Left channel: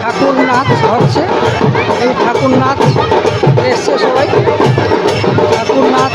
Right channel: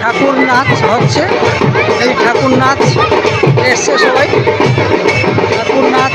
ঠাকুর নাচ হচ্ছে। এই ঠাকুর নাচ এসছে সবাই, ঠাকুর নাচ।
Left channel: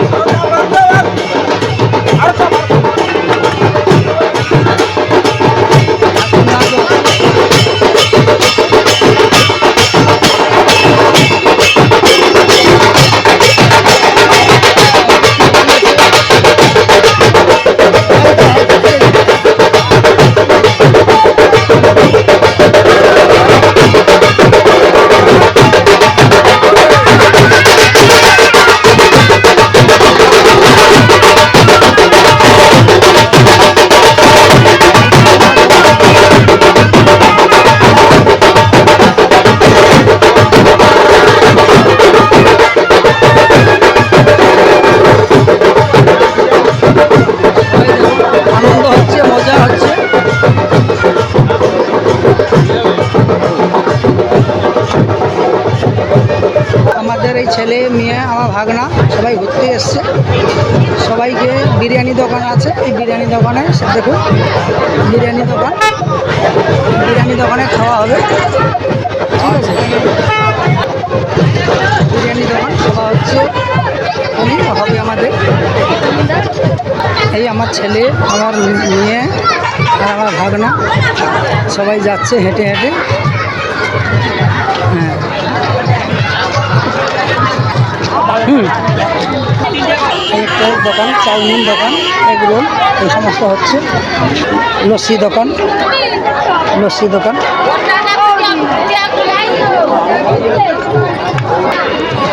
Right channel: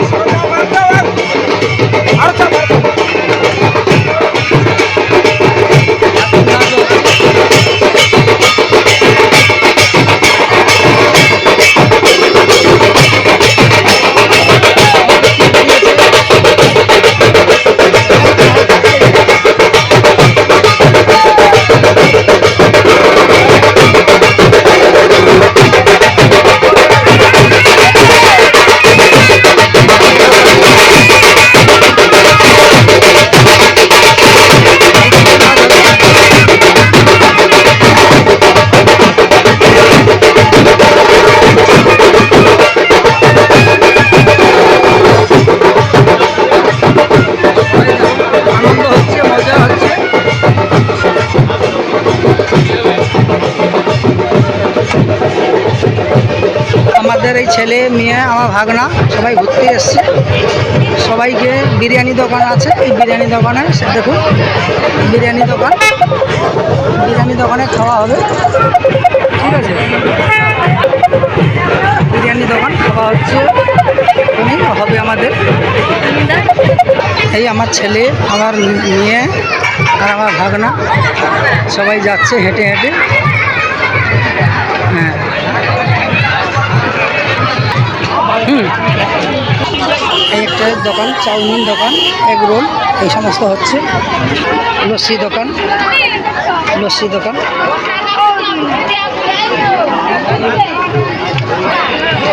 আমাদের এই ছেলে মেয়ে আমার ভাগনা সবাই ঘুরতে এসছে। সবাইকে বিরিয়ানি দোকান আছে, এই বিরিয়ানি দোকানে দেখুন বিরিয়ানি দোকানে খাওয়া হবে, ঠিক আছে। বিরিয়ানি দোকান খাওয়া হচ্ছে, হবে আমাদের। এই আমার ছেলে, আমার মেয়ে আর আমার ভাগনা সবাই যাচ্ছে হেঁটে হেঁটে। হ্যাঁ, এই একটা দোকান, চাউমিন দোকান, এগ রোল, এই সমস্ত হচ্ছে। লস্যি দোকান,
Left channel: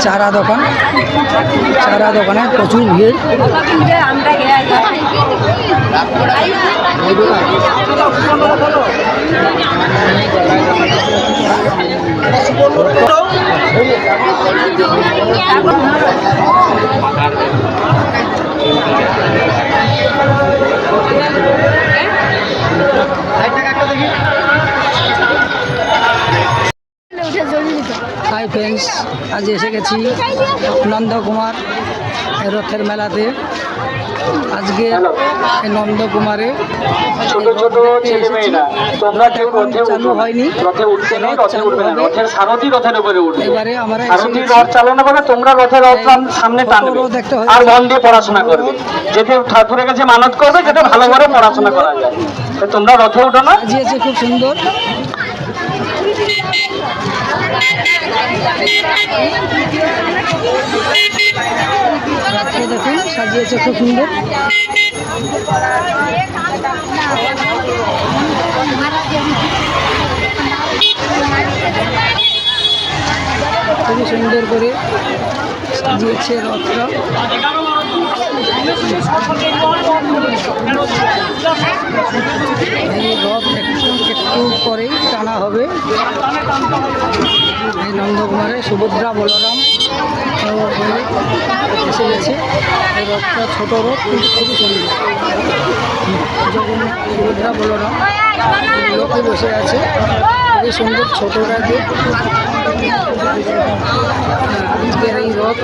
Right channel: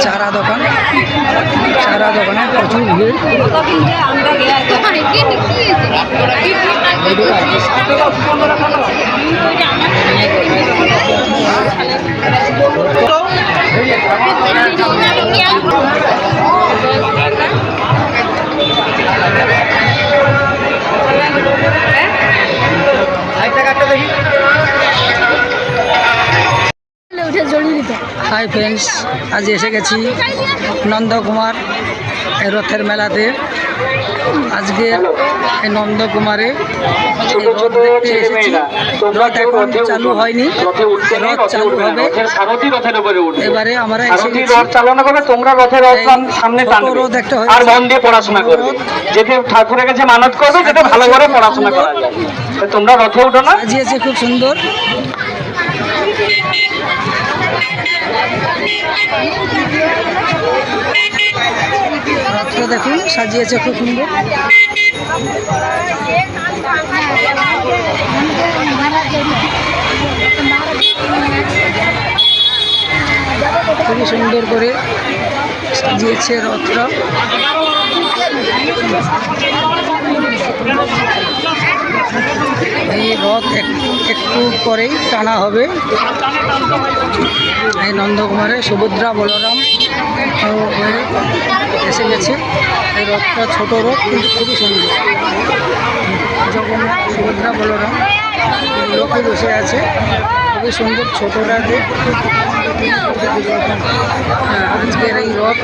চারা দোকানে প্রচুর ভিড়। হাই ফ্রেন্ডস, আজ এসে গেছি নন্দকুমার রথের মেলাতে। আজকে এই নন্দকুমারে রথ এখন চালু হয়নি, রথ চালু হবে এবারে। আমরা রথ চালনা করবে, তোমরা রথের সামনে টানবে আর মন দিয়ে পড়াশোনা করবে, যেতে ঠাকুরের কাছে মানত করবে যাতে ভালো করে পড়াশোনা করা যায়। তোমরা রথে উঠো না। সাজিয়েছে খুব সুন্দর। রথটা দেখুন সাজিয়েছে খুব সুন্দর। খুবই সুন্দর করে সাজিয়েছে রথটা। এই রথ একটু পরেই টানা হবে। এই নন্দকুমারে সুভদ্রা বলরাম হয়ে এসে গেছে। এই রথটা ছোট রথ কিন্তু খুবই সুন্দর। জগন্নাথ, সুভদ্রা, বলরাম লোকে বসে আছে, খুবই সুন্দর ছোটটাতে। আজকের এই রথ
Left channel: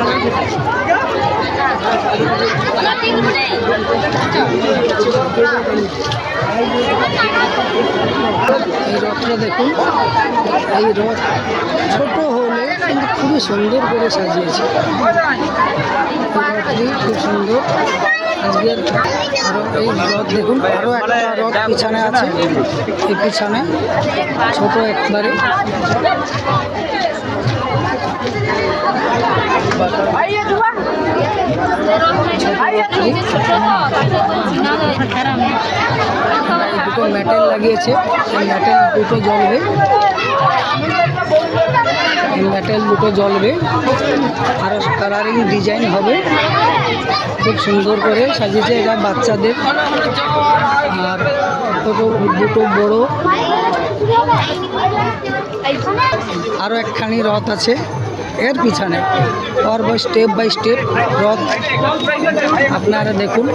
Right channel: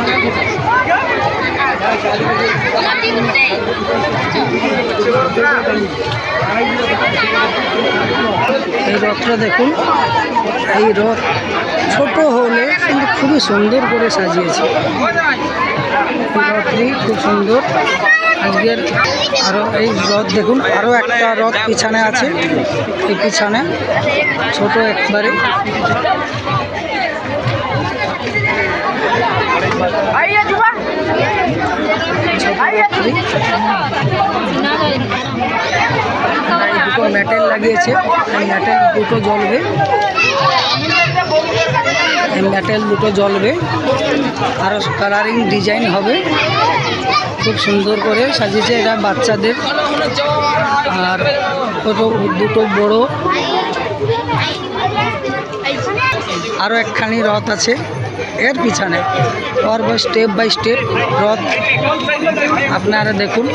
এই রথটা দেখুন, এই রথ ছোট হলে কিন্তু খুবই সুন্দর করে সাজিয়েছে। রথটি খুব সুন্দর আজকের। আরও এই রথ দেখুন, আরও একটা রথ পিছনে আছে, এই পিছনে ছোট একবারে। এই দুটো মেটেল লাগিয়েছে, এই মেটেল দুটো জ্বলবে, এই মেটেল দুটো জ্বলবে। আরও কালারিং ডিজাইন হবে, খুব সুন্দর করে সাজিয়েছে। এটা বাচ্চাদের। আর দুটো বড়, আরও একখানি রথ আছে এর পিছনে। और स्टेप बाय स्टेप रथ আপনারা দেখুন।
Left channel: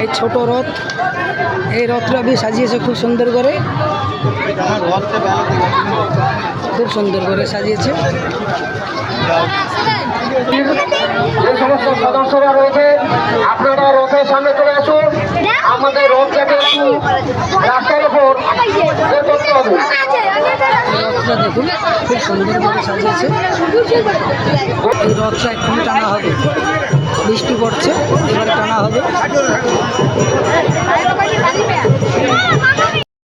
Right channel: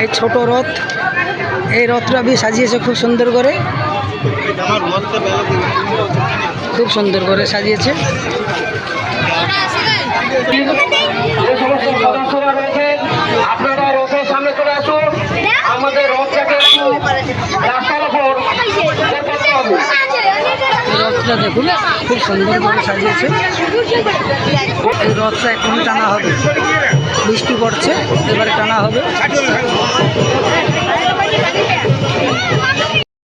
এই ছোট রথ, এই রথটা भी সাজিয়েছে খুব সুন্দর করে, খুব সুন্দর করে সাজিয়েছে। যে সমস্ত সদস্যরা রয়েছে আপনারা রথের সামনে চলে আসুন। আমাদের রথটাকে একটু রাস্তার উপর বের করতে হবে। এই রথটা দেখুন খুব সুন্দর করে সাজিয়েছে। এই রথটা এক্ষুনি টানা হবে, বৃষ্টি পড়ছে, এবারে টানা হবে।